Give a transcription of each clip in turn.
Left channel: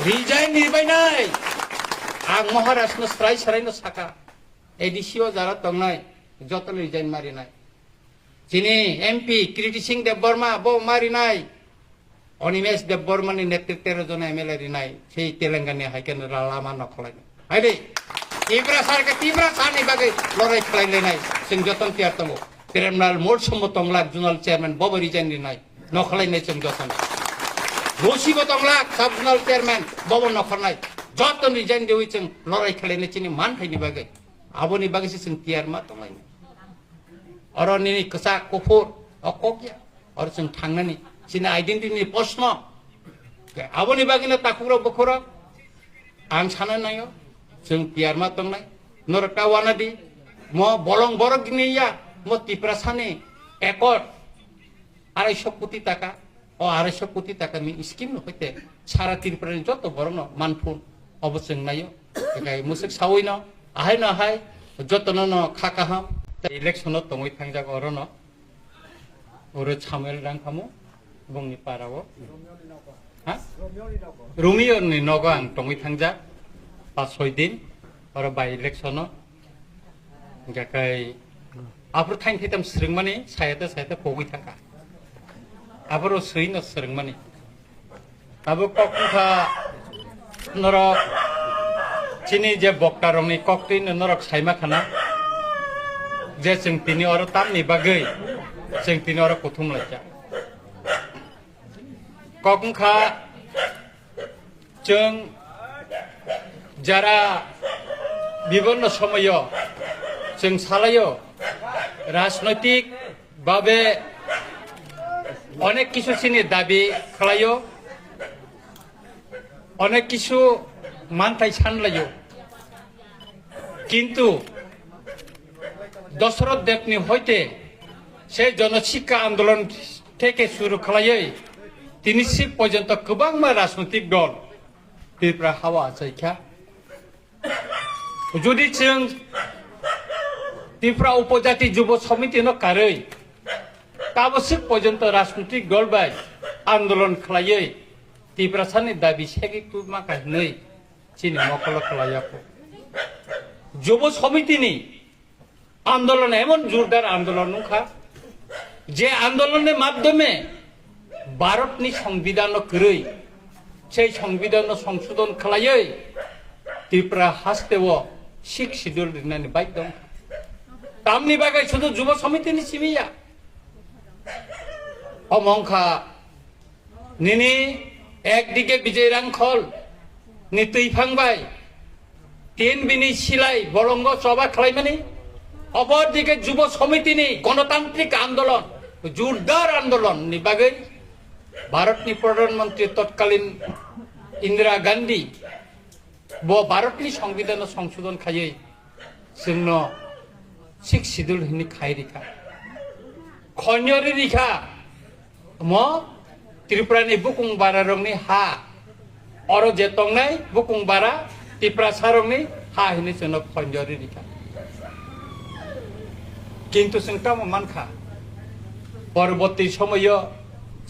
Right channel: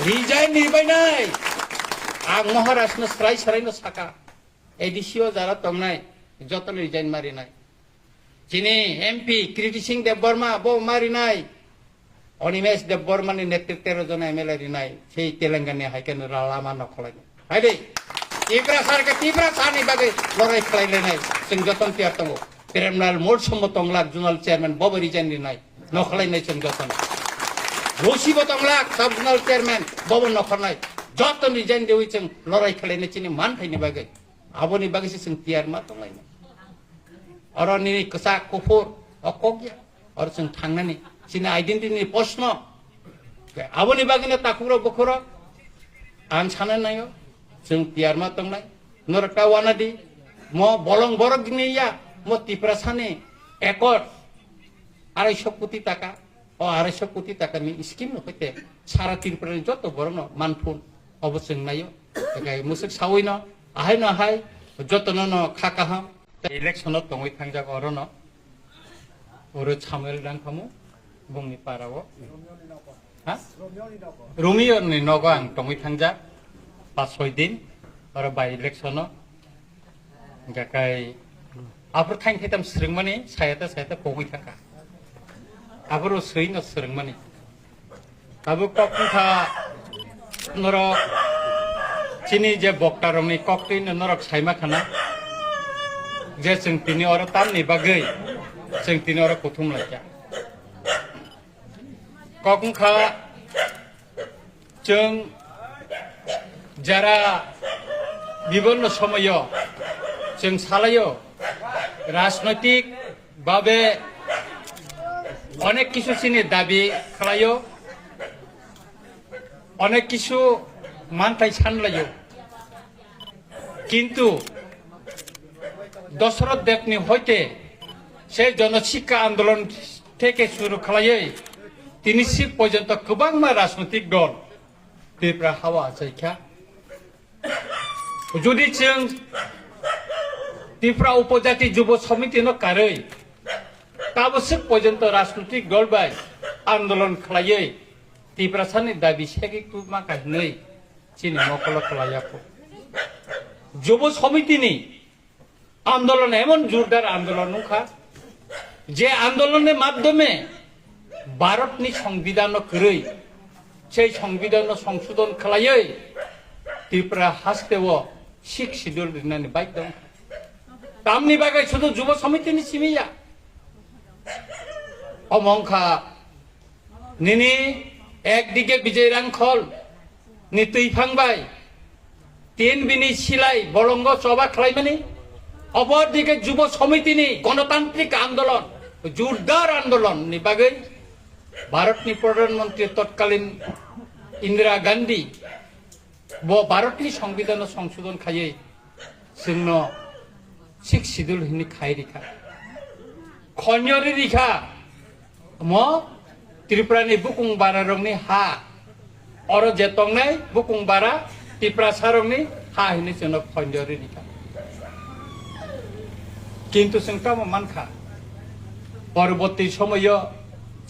Resign निर्बायनाय आं महाराष्ट्र स्राय सरायनो साका एडिसिओ Zara तंनाय जतन रिजाइन मारिनाय जिनि एमपी कृति सिंह देबबर्मा बो मारिनाय अनिमेश देबबर्मानि नेतृत्वेर जन एमएलए रिनाय सेई तेलेंगाना हाइकेन लामा नखलायनाय आइदे इब्रा सारका तिब्रा सानि बागै लराय खालायलायनाय जों जतन तियार दङ ट्रिब्युनाल मोड सम्मत तंलाक जुनाल चेयारमेन बबो रिजाइन रिनाय नखलायनाय जों जतन रसिबो तंलाक साब जुनाल चेयारमेन बबो नखरनाय जतन रिजाइन देवै जों लराय खालायनाय चिनि मान फाइनि बागै आबोनि बागैसो जों तियार मा तंलायनाय अरनि कसा कुफुर अकगिया और जों थांनानै चिनि आइडेन्टिटिनि प्रश्न आबोनि बागैनो ताकुरो बखरो आं साना नायो जों तियार मा तंनाय नरटा वानादि म बलं बरगनिया म तिप्रासानि एकड़ 250 কোটি টাকা ও 250 কোটি টাকাनि स्कीम हइते सारा त्रिपुरानि जत बरनो मानफुन अबसं नायो एकाय मुसुक सावैनो आहाय ना हाय जतन न खाका हा इलेक्शन तंगै थांजा अरनो ओरो छामेल रांखामु बुंनि पारावो हा रोमियोनि नगो आं तंगै थांजा 5-6 दिन और बाय इलेक्शन गाकाय आफोर थाइन थेताम स्रिंगमानि सायाता कोगै थाका आफोर सैनो स्रिंगमानि आबो कक्का नरक चिनि जे बक्ता रंनि कक्टिन नरक साइमा खाना जे जों तिनि और तामनि बागै जों तिनि और कुथुम लायजा कक्का जों যারা বিভিন্ন সময় जों सालायो राजनैतिक भावे अनेक किछु चिनि दाबि खालायो अनेक किछु मानथाय सानलायो किन्तु दशरथ देवनि हयते से जनशिक्षा आंदोलन থেকে শুরু खालायै दिनैसिम पर्यन्त गोबां राजनैतिक दल त्रिपुरा हावा जायखा जुदि जों त्रिपुरा उपजाति युव समितिनो कारै ताबसो पर्यन्त राजनैतिक दल बाय आंदोलन खालायै त्रिपुरा सानि दाबि सेगिकु माखानै चिनि मकल खालायाखौ युव समितिनि आंदोलन एमन जोरदार आंदोलन नखा जे आंदोलननि माध्यमे भारतनि संविधान करै সেই সংবিধান সংশোধন খালাयै त्रिपुरा हास्तेव 6 শিডিউল দিনাनि बाइक दं तामनि बागै शुधु युव समितिनि सिमिया अमंखा निनि एकदिके विजय रांखल नि तैफांबाय तीन बिनि सिलाय बलंग सभा खालायमानि अबरदिके युव समितिनि गणतांत्रिक आंदोलन जोरदार आंदोलन नि बागै भारतनि प्रधानमंत्री तत्कालीन इंदिरा गांधी वो भारतनि संविधान संशोधन खायै जोंनो 6 শিডিউल हिनि खायरिखा खन्यरि रिखा म त्रिपुरानि बुकुंबारा रंनि हा और जेतंनाय बुकुंबारा त्रिपुरा सारंनि हा हिनि जोंनो खन्यरि रिखा किन्तु जों ता मानखा परवर्ती समय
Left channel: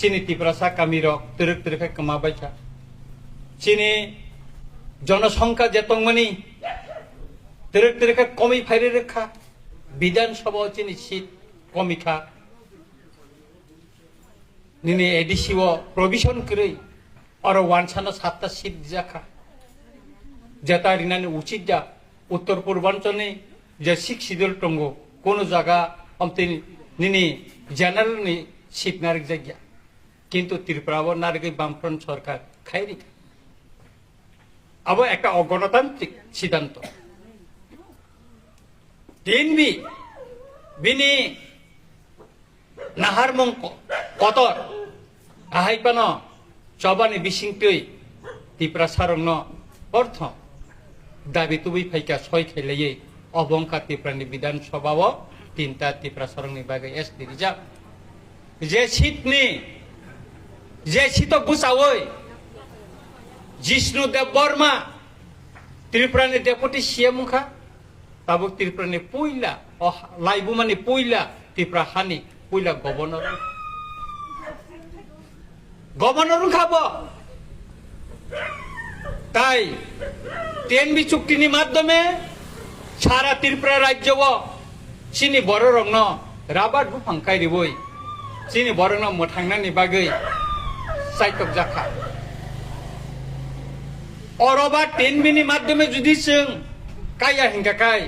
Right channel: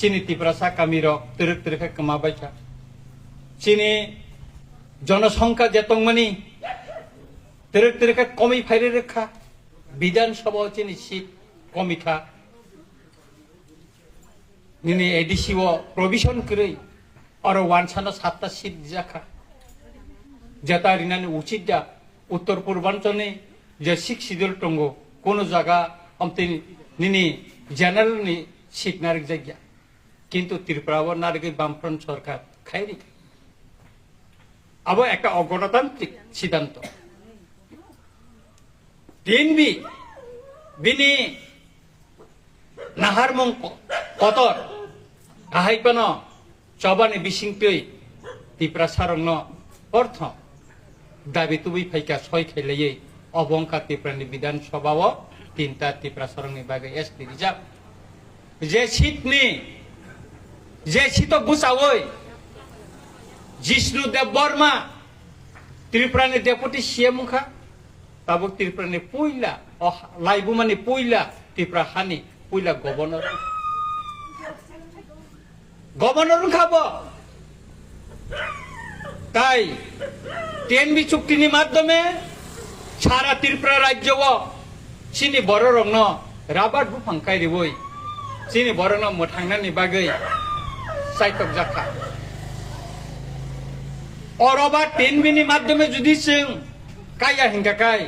चिनि त्रिपुरा सा कामिरो तिरक तिरक कमाबायखा चिनि जनसंख्या जेतंमानि तिरक तिरक कमी फायरे रेखा विधानसभा चिनि सीट कमिखा निने एडिसिओ प्रोविजन करै और वानसानो 7टा सीट जाखा जेता रिनानि उचित जा उत्तर पूर्वांचलनि जे 6 শিডিউল दंगो कोनो जागा हमते निनि जनरलनि सीट नारक जायगा किन्तु त्रिपुराव नारगै बामफ्रन्ट सरकार खायरिखा अब एक अगणतांत्रिक सिद्धांत टिएनबी बिनि नाहारमुं कतर आहायपन चबानि बिसिंतै त्रिपुरा सारंनो अर्थ दाबि तुबै फायका सय खेलायै अबंका त्रिपुरानि विधानसभाव 3टा त्रिपुरा सारंनि बागै एस रिजार्भ जे सीट बुसावै जिष्णु देबबर्मा त्रिपुरानि डेपुटी सीएम खा ताबो त्रिपुरानि पहिला लाइबुमानि पहिला त्रिपुरा हानि पहिला गवर्नर खाबो তাই টিএনবি চুক্তিनि মাধ্যমে সারা ত্রিপুরা রাজ্য চিনি बर रंग राबार बुफांखाय रिबोय चिनि बर न मोथांनानि बागै साइटक जाखा अरबा टिएनबिनि माध्यमे जुदि जों काया हिंगाखाय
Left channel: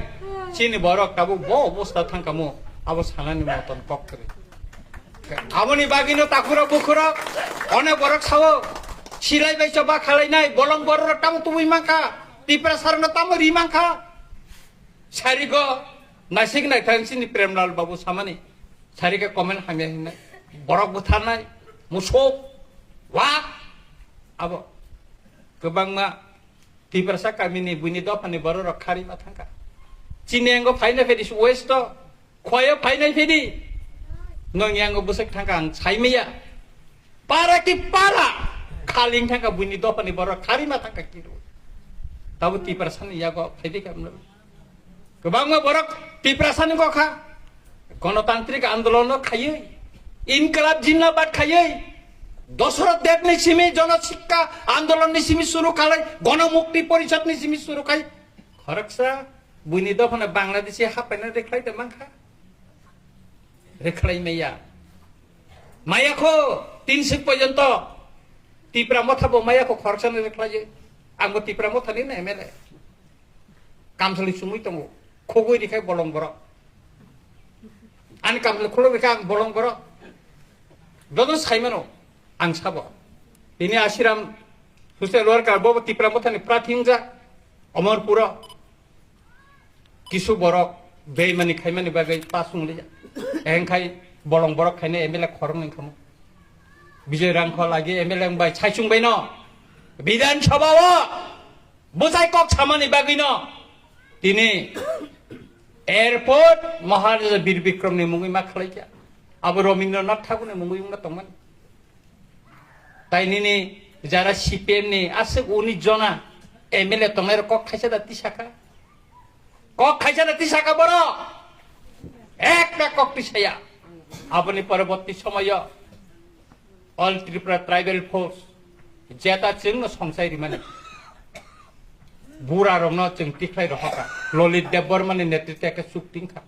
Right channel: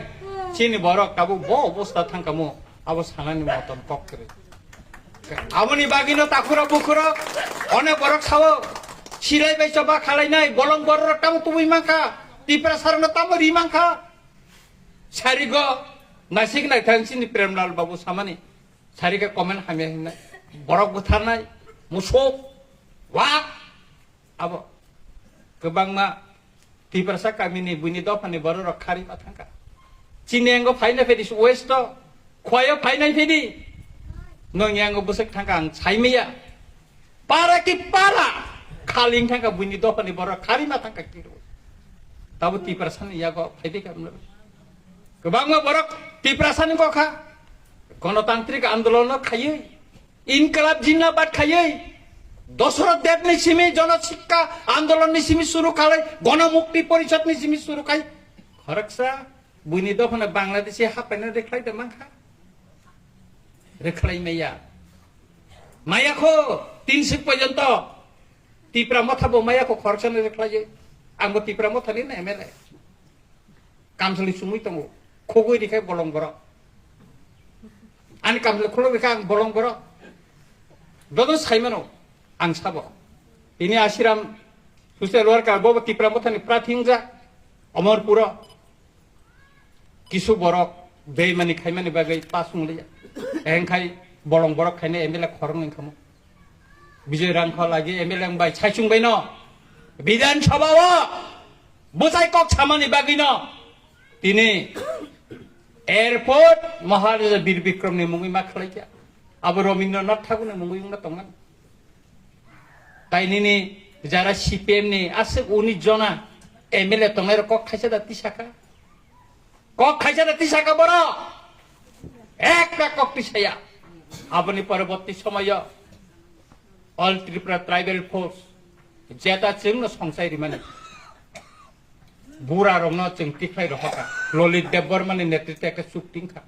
चिनि बर काबु ब अबस्था थांखामो आबो सानानि मतन कक करे आबोनि बागैनो ताकुरा बुकुरा अनेक बर खावो सिलाय बायसा बा खालायनाय बलं बर तामो तुबुय माखा तिप्रा सारनो तामो रिमाखा सारिगो नासिक नायथां चिनि प्रेमलाल बाबु सामानि सारिगे कमेन्ट हामिया हिनाय बर गुथारनाय मुसौ वा आबो गोबांमा तिप्रासा गामिनि बुनि दफानि बर रखारि बाथांका चिनियांगो फाइनाय फेदिस वेस्ट खयो फाइनाय फेदि नोंयांगो बुसक थांका आं साइमिया पारा कि पारा खालिं थांका बुनि दफानि बर खारिमा थांका किरो ताबो तिप्रासानि यागो फाइदि खामनो गोबांमा बर तिप्रासानि गखा गणतांत्रिक आंदोलन खायो इनकलाब जिन्नाबाद खायो दशरथ देवनि सिमी जनशिक्षा आंदोलननि सिमी शुरू खालाय गणमुक्ति परिषदनि सिमी शुरू खाय खरकसा बुनि दफाना बांलादेशि हापायना रेख्लाय दमाखा रेख्लाय मैया मायाखौ 3 पर्यंत तिप्रा मथाबो मायाखौ खरकसानो रेख्लायो आंबो तिप्रा मथानि ना एमएलए कामसलि सुमुय दङ खगै दिखाय बलं बर आनि कामसलि खलो दिखाय आं बलं बर दनो साइमानो आं साबो ini आशिराम सुसे लरका बबो तिप्रा मथानि प्राथिंजा अमरपुर किसु बरक बेमानि खायमानि बागै पासुंलिया एंखाय बलं बरक खायने एमएलए खरं इंखामो विजय रांखौ लागि एमएलए बाय साइसुंबाय न विधानसभा बुजाय कक सामानि बागै न दिनै एयरपोर्ट महाराजा वीर विक्रमनि मुङै मा खालायखा आबो रवीन्द्रनाथ ठाकुरनि मुङै मुङा दंमोन ताइनिनि जारा सीपीएमनि आसे 19 जना एमएलए तंनाय कक खायसा दाति साखा बर একটা कक पिसाया आबोनि परवर्ती समय ऑल त्रिपुरा ट्राइबल फोर्स जेता जोंनो संसायरि माने बुरा रंनो जों तिख्लाय रखा ललित देबबर्मानि नेतृत्वके चुक्तिखा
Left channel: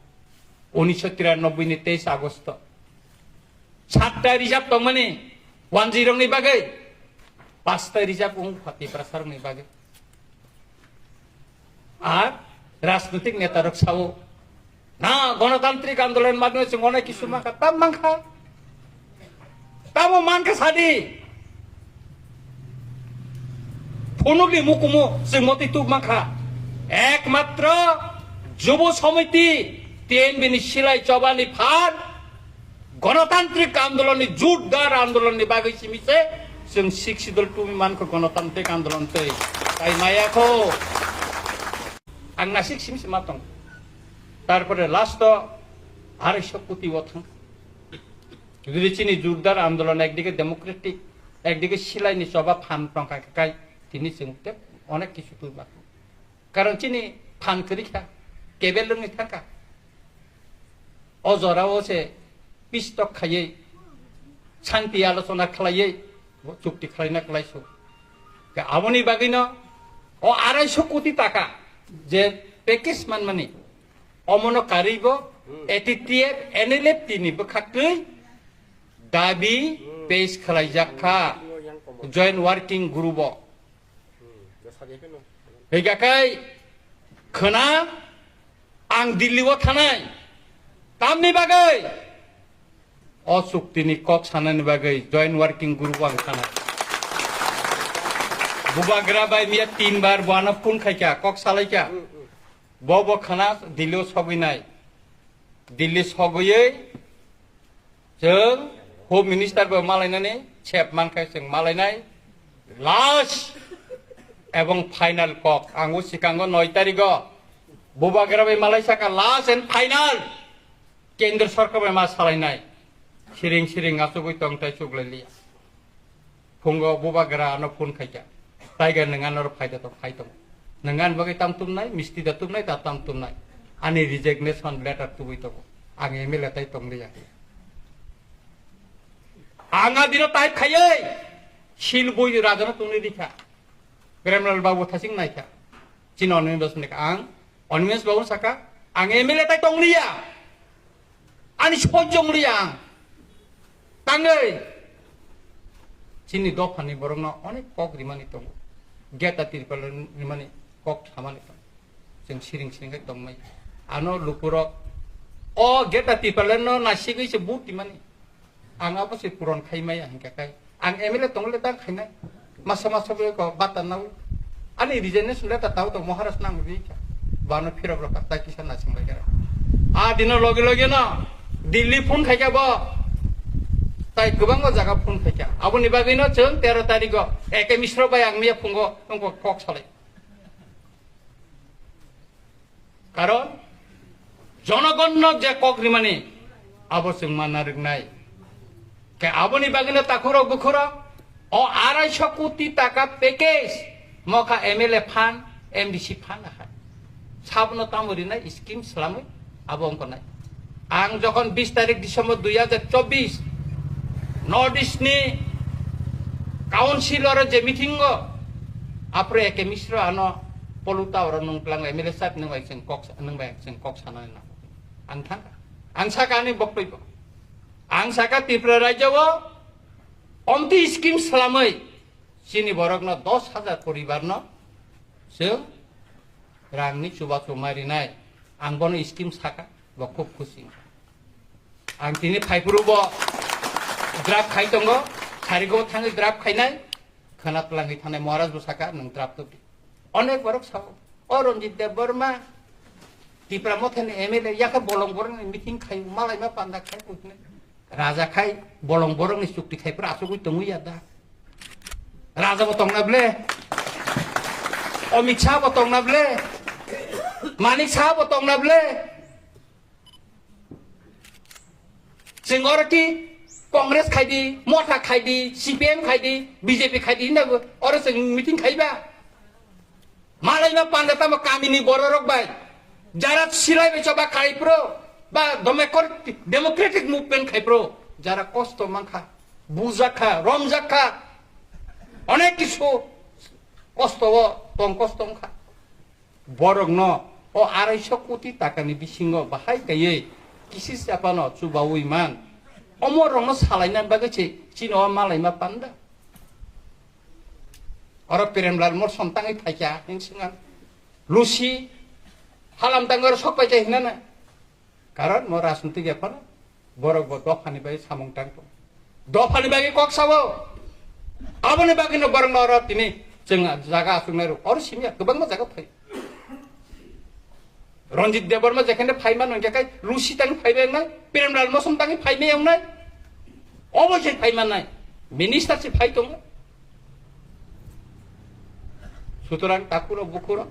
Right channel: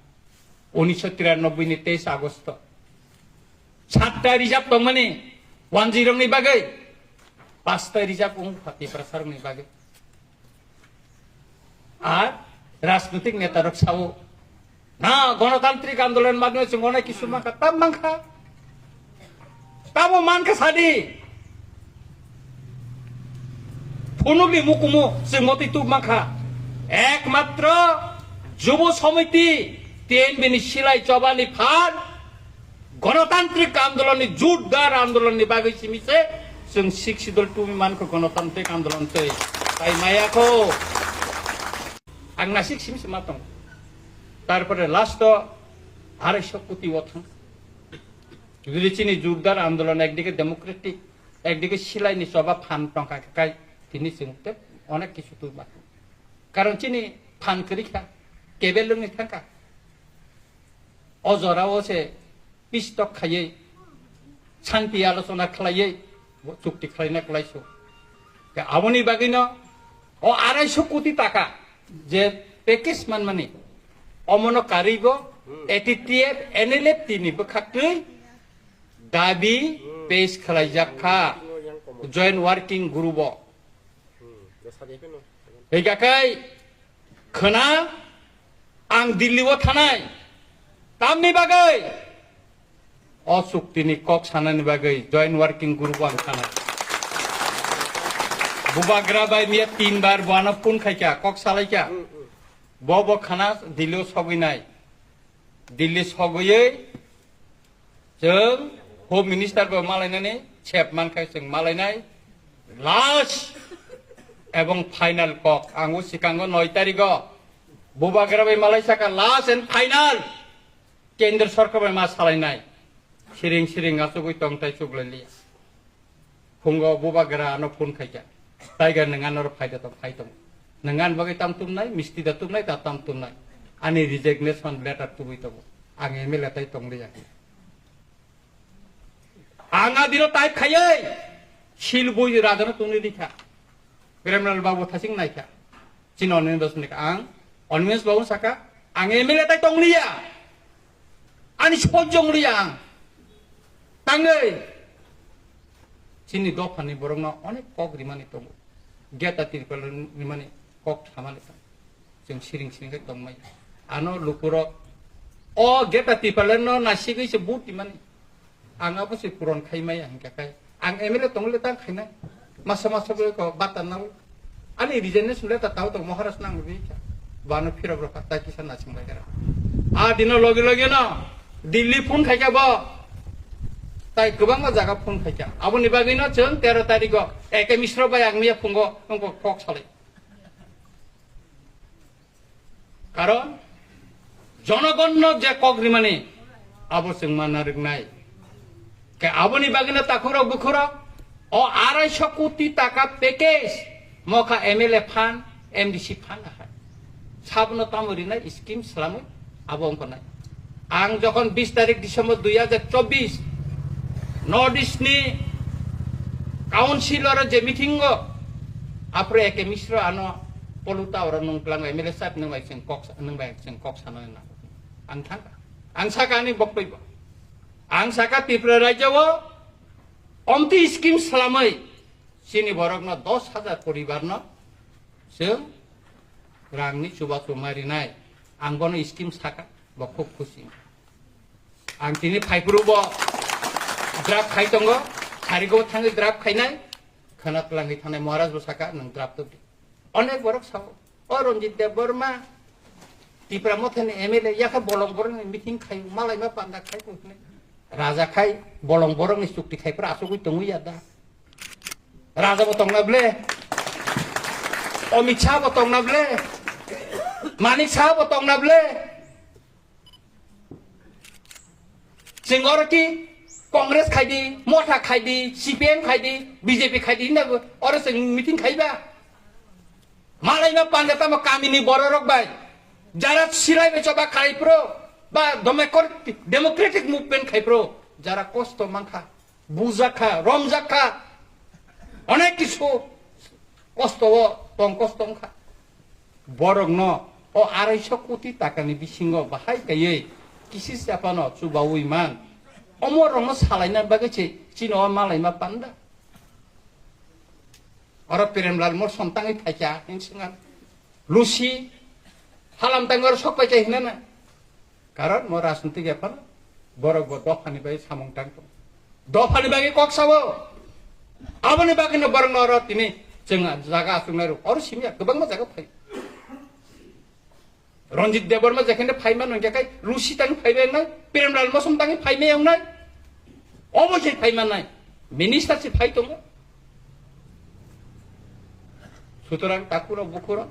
1993 नि 23 आगस्ट 7टा रिजार्व दंमोनि 10 नि बागै 5टा रिजार्व फाति प्रसारनि बागै আর राजनीतिक नेता रक्षाओ ना गणतांत्रिक आंदोलन माध्यमे जों अनेक किसु माखा ताम मांखा तामो मानखा सादि फुनुबि मुकुमु जों मति तु माखा एकमात्र যুব समिति টিএনবিनि सिलाय चबानि फार गणतांत्रिक आंदोलननि जुटदार आंदोलननि बागै सिमिसे जों सिक्सिदल टुमि मानखौ गणतांत्रिक आंदोलन तै ताइ मायाखौ आंना सिक्सिमसे मा दं तारपरे लास्ट 250 कोटी थां যদি চিনি জোরদার আন্দোলন একদিকে ডেমোক্রেটিক একদিকে সিলাইনি সভা ফান পাঙ্কাকাই তিনি চিনতে অনেক কিছু তুই বাকি কারণ চিনি ফান করিখা কেবেল লঙ্গি থাকা অজরাও সে পিস্তক খাইয়ে শান্তি আলোচনা খালাইয়ে চুক্তি খালাইনা খালাইছো আবনি বাগিন ও 250 কোটি টাকা যে প্যাকেজ মানে অমন কারিগ এটিটিএফ এনএলএফ তিনি বখাকৈ दाबी पेश खालायजाखा जॉइंट वर्किंग ग्रुप बेगाखाय खोना आं दिल्लीआव थानाय तामनि बागै अचुक्तिनि कक सानानि बागै जॉइंट वर्किंग ग्रुप आं थानाय बुबाग्रा बाय मिया 3 बार बानो फोन खायका कक सालायका बब खाना दिल्लीआव सगैनाय दिल्ली सगैयै जों होम मिनिस्टार को मालायनानै सेफ मानखाय जों मालायनाय लास्ट एवं फाइनल कक आंगो सिकांगो 9 तारिख बुबाग्रा बाय मालायसाका लास्ट एंड फाइनल केंद्र सरकार मा सालायनाय सिरिं सिरिं आसुगै तंताय सुगलालिया फुंगो बुबाग्रा न फोन खायका ताइगा नङानर फायदा तो फायदो नङान बगै तामतुमनाय मिस्ति दातुमनाय ता तामतुमनाय आनि रिजिगनेशन लेटार तुबै तो आं एमएलए ताइ तंलिया आंगा दिनो टाइप खायै सिलगुय राजन तुमनि दिखा Kremlin babu thasing naika. Chin Onimens nek ang Onimens babu saka ang MLA tay tong liya. Ani sojong liya ang. Tangai. Chini dokhani borong onek kok rimani tong. Geta tirpal rimani kok thamani tong. Jeng siring tong mai. Ano lupurok. Oh geta tirpal no nasigi se buti mani. Ang apa sih puron kai mai ang kakai. Ang MLA tong le tang kai nai. Masa-masa ko batan nang. Ani regione sudah tak tahu tong Maharashtra nang bica. Bano phirab ro kata kisan naching bai kara. Dino loge na. Delhi phone khai ba. Tai gobang jaga phone khai. Aboni bagui no chong 13 tarik eke misro bai ang mia phone go ongko kok sale. Karon জনগণ যে cock রিমানি আবশ্যক মানার নাই কে আবনি বাগিনা তাকুর বুকুর ও 250 কোটি টাকা package মকা MLA fund MDC fund আহায় সাবন তামরি নাই scheme সালামে আবো অঙ্ক নাই আং যখন 20 তারিখ ডিসেম্বর 2024 নর্থ ইস্ট নি কাউন্সিলর যে মিটিং আপরে একে মিশ্র আনো পলুতা ওর নংপ্লাং এমএলএ সাত নং বাইছেন কক সানায় না ang saka ni bokpay ba ang saka Tripura রাজ্য অন্তি scheme সালামই sini borok na 10,000 poribar no se rangni chuba chumari nai ang bono scheme saka bo khub khushi ang tini phaipuru bo drug khai tongo kharigo thangi drug khainai khanatlangi thanai maharaj bo saka nang drug to onek borok sako Ronjit Deborma Tripura motheni MLA yake bolong borong meeting khai malai ma panda khai kutne raja khai bolong borong ni chukti khai pra asugui tongu yada Raja botong nable, Amit Shah botong nable, Manik Shah botong nable. Singora ki Congress khai di, Mota khai di, CPM khai di, BJP khai di na ora sing meeting khai ba. Malai na panda tama kami ni bororok ba. Jara silai be coba khai pro, ba democratic movement khai pro. Jara kosto mangkha, buzakha, romjakha. অনেক কিছু কষ্ট কম কষ্ট বরং ন ও 250 কোটি টাকানি বিসিঙ্গ বাহাই গায়ে কিসি চাপানো চুবাও ইমান অমর রং সালাইনা বাগেছে চিন মালাইমা পান্ডা আর প্রেমলাল মোর সন্তাঙে থাকা হিংসিঙা লুসি হালাম টাঙ্গর সবাই চাই না কারণ মোর রাজনীতি এফানা বরং দফানি বাই সামং টাং দফানি বাগে cock সাবো Abani bagino barang orang ini cenga jaga asunaru orang sini kebang mah jaga pay. Ronjit Deborma jakenda pay mana nggak kai Rusi tangi pay yang nai, Premlal Mosum tangi pay yang nai, Omo sih pay mana nai, Minister sih pay tuh. Suturan takuro bukuro,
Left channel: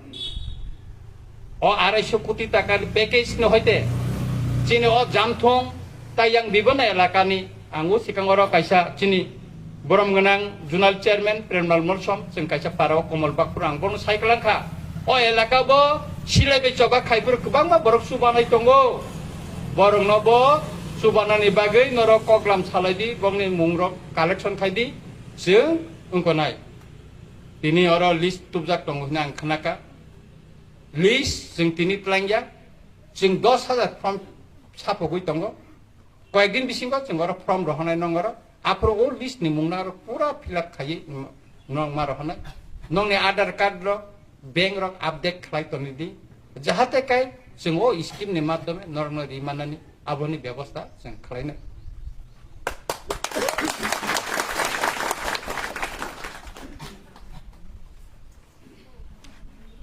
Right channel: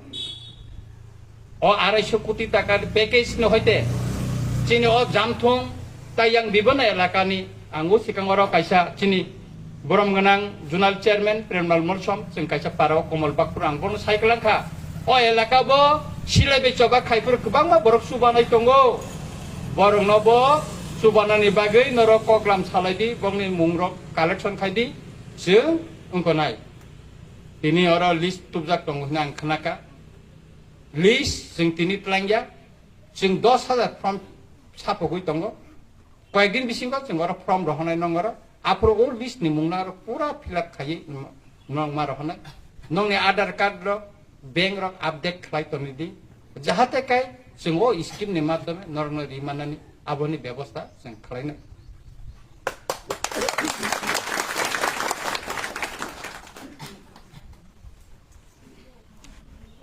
oh 250 কোটি টাকার package no hoite, cini oh jamthong tayang bibana elakani anggo sikangoro kaisa cini. Borong genang Jurnal Chairman Premlal Molsom sing kaisa parao Komal Bakpur anggon saiklanka o elaka bo silai be coba khaipur kubang ma borok subanai tongo borong no bo subanani bagai noro koklam salaidi bomni mungrok collection khaidi sing ungkonai tini oro list tubjak tongo nang khanaka list sing tini plangya sing 10,000 form sapogui tongo koyekdin bisingo sing oro form rohonai nongoro Apro all list ni mungnar pura filak khai nong marahana nong ni Aadhaar card ro bank ro update khai to ni di jahate kai singo scheme ni madhyame norno rimanani aboni byabostha sing khlai na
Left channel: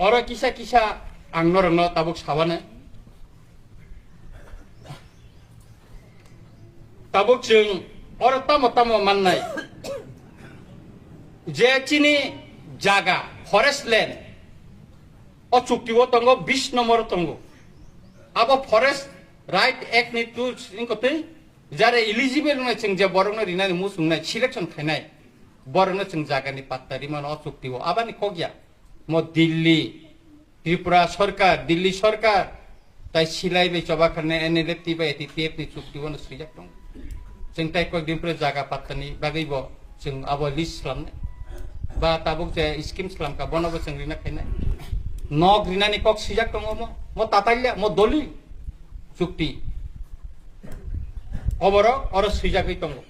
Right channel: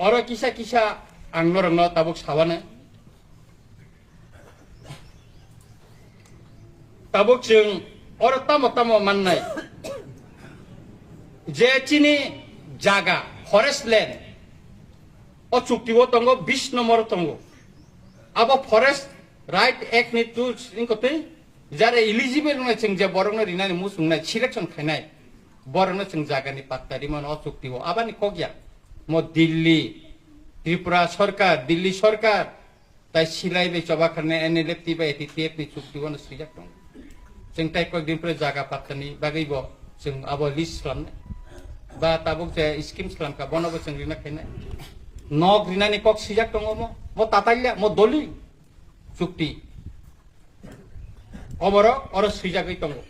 ora kisa angnorno tabuk sabane tabuk sing Orang tamu manai, jadi jaga forest land, oh cukti wo tunggu 20 nomor tunggu, apa forest right act ni tu ingkote, jare eligible na ceng jaborong na rina ni musung na selection khenai, borong na ceng jaga ni patari mana oh cukti wo, apa ni kogya, mau Delhi, Tripura Sarkar, Delhi Sarkar, tai silai ni coba karena NLF tiba etitiet ni cukti wo na sejak tunggu. Sing tai kok din pre jaga patani bagai bo sing abo list lam ba tabuk je scheme salam ka bono bo rina khainai nog rina ni kok sijak tongo mo tatailia mo doli chukti oboro oro sijakai tongo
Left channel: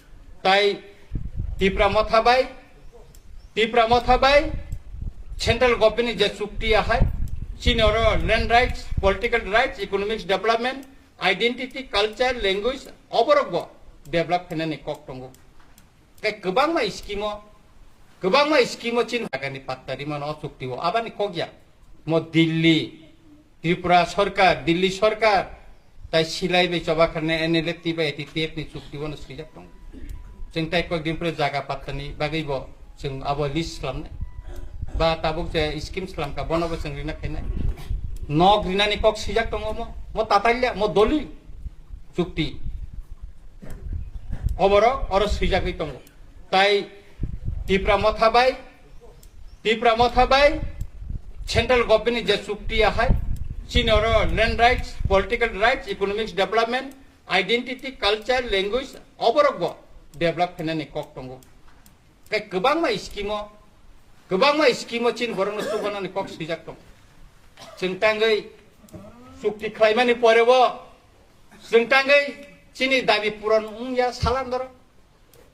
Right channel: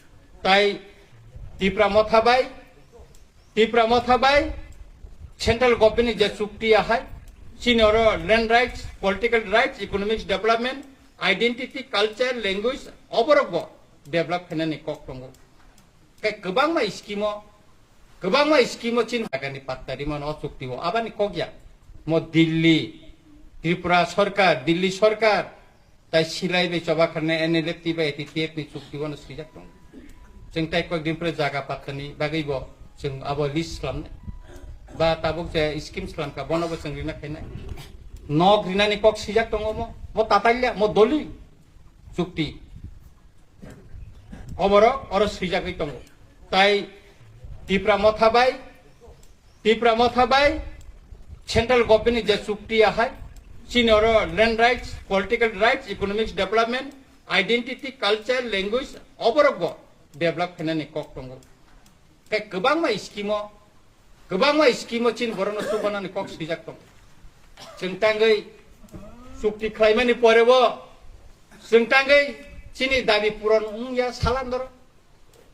tai tipra mothabai central government je chukti ahai sinoro land rights political rights economic development identity culture language oboro bo develop khainani kok tongo kai kebang ma scheme chin bagani pattari man o chukti o abani kokya mo Delhi sarkar tai silai be coba karena enelecti ba eti tiap ni chukti wono sijak tong jeng tai ko din pre jaga patani bagai bo jeng abo list lam ba tabuk je scheme salam ka bono bo rina khainai nog rina ni kok sijak tong mo tatailia mo doli chukti oboro oro sijakai tong tai tipra mothabai central government je chukti ahai sinoro land rights political rights economic development identity culture language oboro bo develop khainani kok tongo kai kebangma scheme chin borno sugonani kok sijak tong jengtangai chukti khlaimani porebo jengtangai chini dabi puron ya salam doro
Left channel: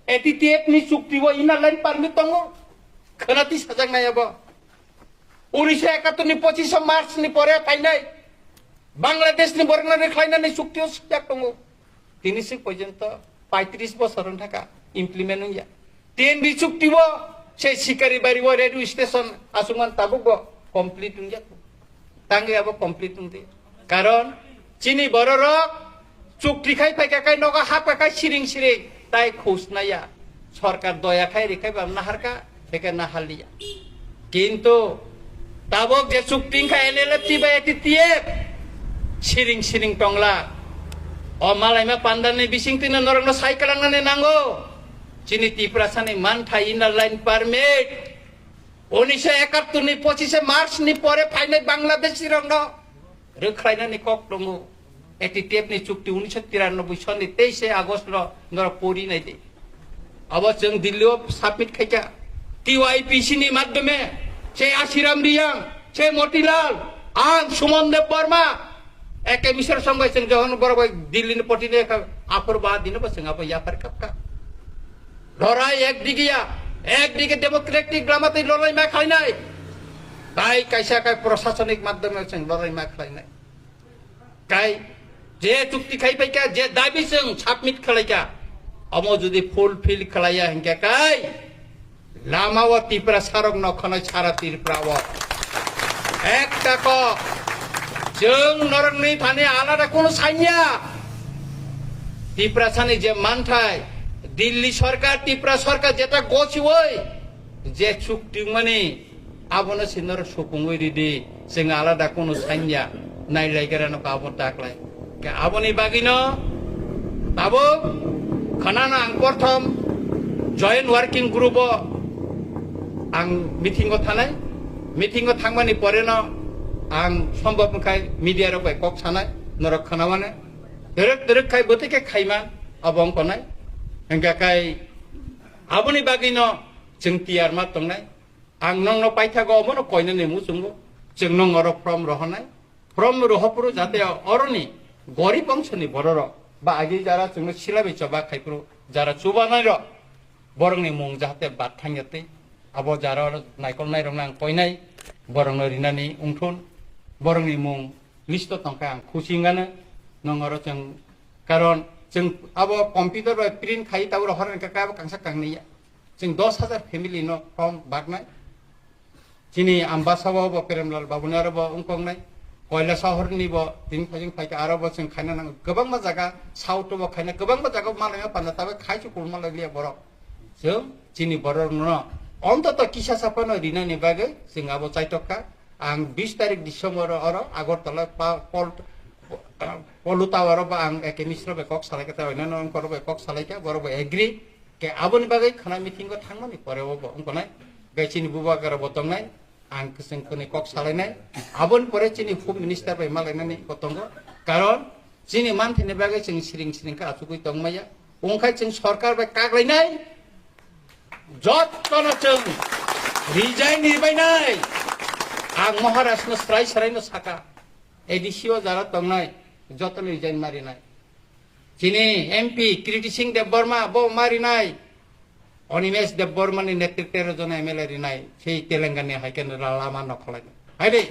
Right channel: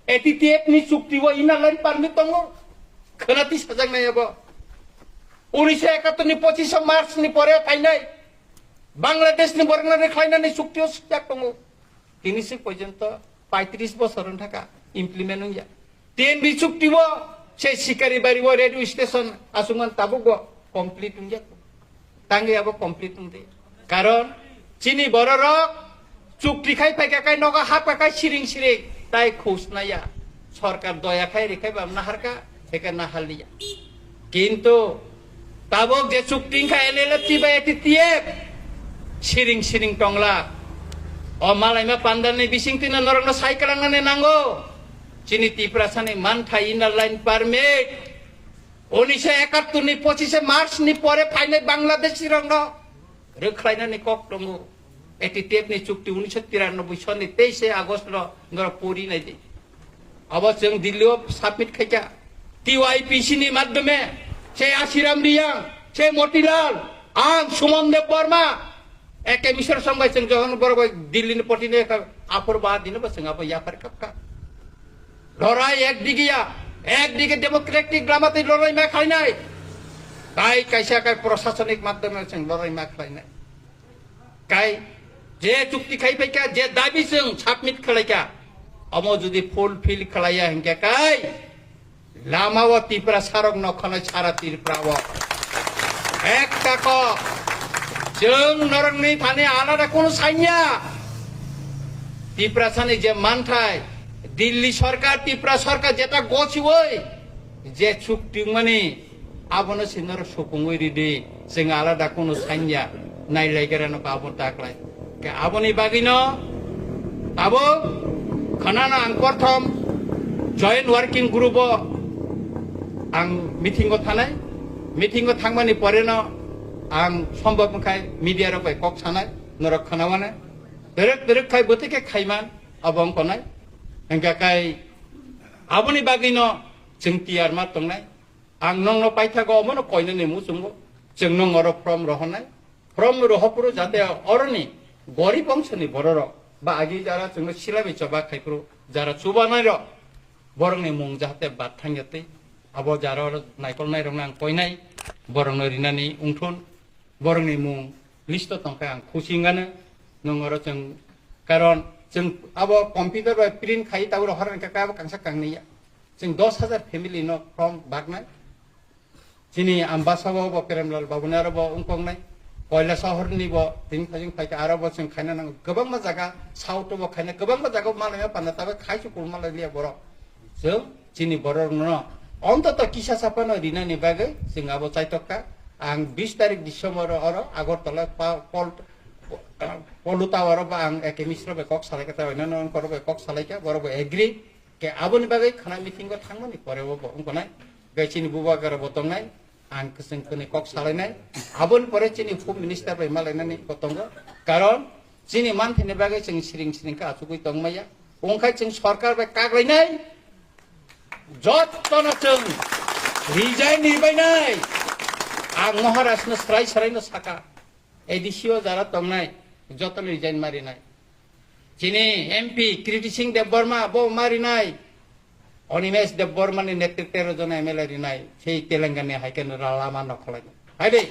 eti tiap ni chukti bo ina lain parmi tongo khanati sajak nai abo 1971 ni 25 March ni pore painai Bangladesh ni borna ni khlainani chukti o sijak tongo 30 porjonto 35 bosoron thaka implement hoya ten bi chukti bo se sikari bari bo radio station asungan tabugo complete hoya tangi abo complete hunde karon chini bororo chukti khai paika kai noga hapa kai siring tai khus naya সরকার দয়া খাই রেখাই বা নাহারকা একে নাহালিয়া কিন্তু তাবো যে চুক্তি খাই এলে Chiba এটি দিয়ে সিরিং টংলা ও মালাইমা পান্দানি বিসিং তিনা নরম সাইকেল আনানে নাঙ্গো চিনি তিপ্রাসানি মান থাই ইনার লাইন পারমিট 1971 নি 25 মার্চ নি পরে ফাইনাল বাংলাদেশি রং রেখাইনানি কক দঙ্গো এটি টেপনি চুক্তি 1993 সনি 23 আগস্ট নর পরি নাই দে আবার जों দিল্লিও সাবমিট খাইকা টিওআইপিসি নি মাধ্যমে সে আশিরাম রিয়াং সে মতিলাল আং সুমন দেব বর্মা একে মিশর সঙ্গে जों যখন বড় দিল্লি পটিনে আপর বা দিন বসং আপ ইয়াপার কাপকা লড়াই একদিকে ডেমোক্রেটিক গ্রামাতে লড়াই মা খাই নাই তাই কাইসা কাই প্রশাসনিক মাধ্যমে जों লড়াই মা খাই নাই কাই যে চুক্তি খাই পাইকা যে দাবি जों সাবমিট খালাইকা अमो जुदि फुलफिल खालाया हिंका काय लामावा तिप्रा सारक नखनाय सारा तिरप्रावा একটা ক जों नरंनि थाने आलादा কোনো সাইয়া तिप्रा सानि जे मानथाय दिल्ली सरकार तिप्रा सरकार जेटा गछि ওই যে চুক্তি মানে আবনো সিনর সুকুঙ্গই রিদি जों आलादा কোনো সাইয়া নাইলাইগেরানো পাবো তাকলাই কে আবনি বাগিনো তাবো খানানা আং প্রথম জয়েন্ট ওয়ার্কিং গ্রুপ আং মিটিং থানায় মিটিং থাকমানি পরে ন আং সম্ভব খাই মিডিয়ার কক সানায় নরক খানামানে দরেক খাই বতেকে খাইমান অবং কনায় হংকা খাই আবনি বাগি ন जों টিয়ার মা তংনায় আং নং পাইথাগো অমন কইনানি মুসুমগো जों নং অর ফর্ম রহপুরো যাতে অরনি গরিব অংশনি বড়র বা আগে যারা जोंनो सिलाबे चबा खाइफ्रो যারা চুবানাইর বরংনি মুং যাতে বাথাঙ্গতে আবো যারা নাইকল নাইরং আং কইনাই বরং রিনানি उंथुन বরংনি মুং লিস্ট তংকা আং খুসিঙ্গানে নংর जों কারণ जों আবো কম্পিউটার বা প্রিন্ট খাই তাওর হরন কা কাব কাংসা কাংনিয়া जों 10,000 ফ্যামিলি ন ফর্ম বাগনাই যিনি আম্বাসাবো বা প্রেমলাল বাবুনার বা উংকংনাই কয়লা শহরনি ব দিন ফাজিং ফাইকা আরব जों খাইনা নাং गोबां मा जागा साउथ ब खाइना गोबां मा जागा मालाया पाना ताबे खाइसु कुलमाला लिया बर जों जिनि बर न অন্তত কিসা সাপানো রিনানি বাগে जों আবো চাইতকা आं 20 तारिख डिसेम्बर अर আগরতলা পলু টাওয়ার বা आं একে মিশ্র বেকক সালাইকা তাইনা নং করব বেকক সালাইকা বরব এগ্রি কে আবনি বাগে খানা মিটিং গ থাংমানি পরে ব উংকনাই গাইছিনি বুবাগার বতংনাই आं जोंखौनि कक सालायनाय आबोन परे चिनि फुड मिनिस्टार बाय मालायनानै कतंग कारण चिनि मानथेनि बागै जों सिरिं का आसुगै दंमाया ओंखाय जों सरकार बाय काग्लायनाय जत्तनो जों রিজাইন নির্বাইনাই আং মহারাষ্ট্র স্রাই সারাইনো সাকা এডিসিও যারা তংনাই যত রিজাইন মারিনাই যিনি এমপি কীর্তি সিং দেববর্মা বো মারিনাই অনিমেষ দেববর্মানি নেতৃত্বের জন এমএলএ রিনাই সেই তেলেঙ্গানা হাইকেন্দ্র লামা নখলাই হাইদে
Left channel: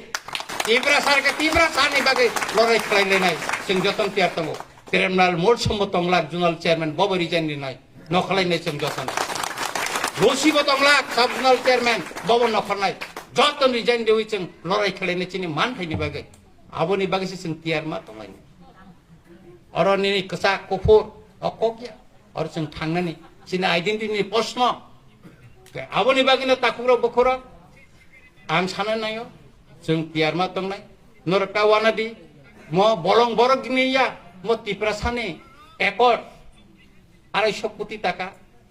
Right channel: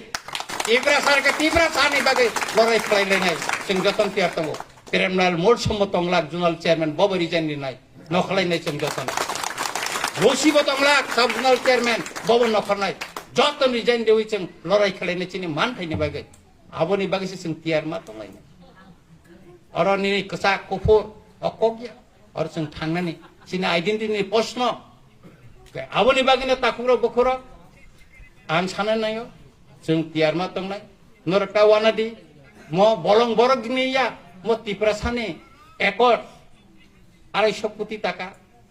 তীব্রা সারকে তীব্রা সারনি বাদে লড়াই খাইলে নাই जों যতন তিয়ার তঙ্গ প্রেমনাল মোট সম্মত তংলাক জোনাল চেয়ারম্যান বব রিজাইন নাই নখলাই নাই जों যতন রসিব তংলাক সাব জোনাল চেয়ারম্যান বব নখলাই যতন রিজাইন দেউই जों লড়াই খাইলে চিনি মান থাইনি বাগে আবনি বাগে जों তিয়ার মা তংলাই অরনি কসা কুফুর অকগিয়া আর जों थांनानै চিনি আইডেন্টিটি প্রশ্ন আবনি বাগিনো তাকুরো বখরো आं सानो नायो जों तियारमा तंनाय नरका वानादि म बलं बरक गिनिया म तिप्रा साने एकड़ 250 কোটি টাকা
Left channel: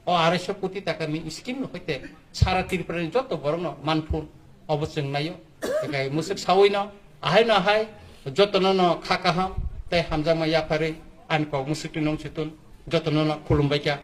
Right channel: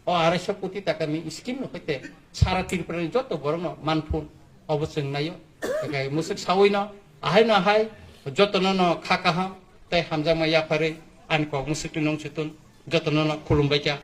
ও 250 কোটি টাকাनि स्कीम হইতে সারা ত্রিপুরার যত বড় মানফুন অবশ্যই নাইও একাই মুসুক সাউইনা আহাই না হাই যতন ন খাকা হাম তাই হামজা মাইয়া পারে আন ক মুসুক নং সুতুন যতন ন খুলুমবাইকা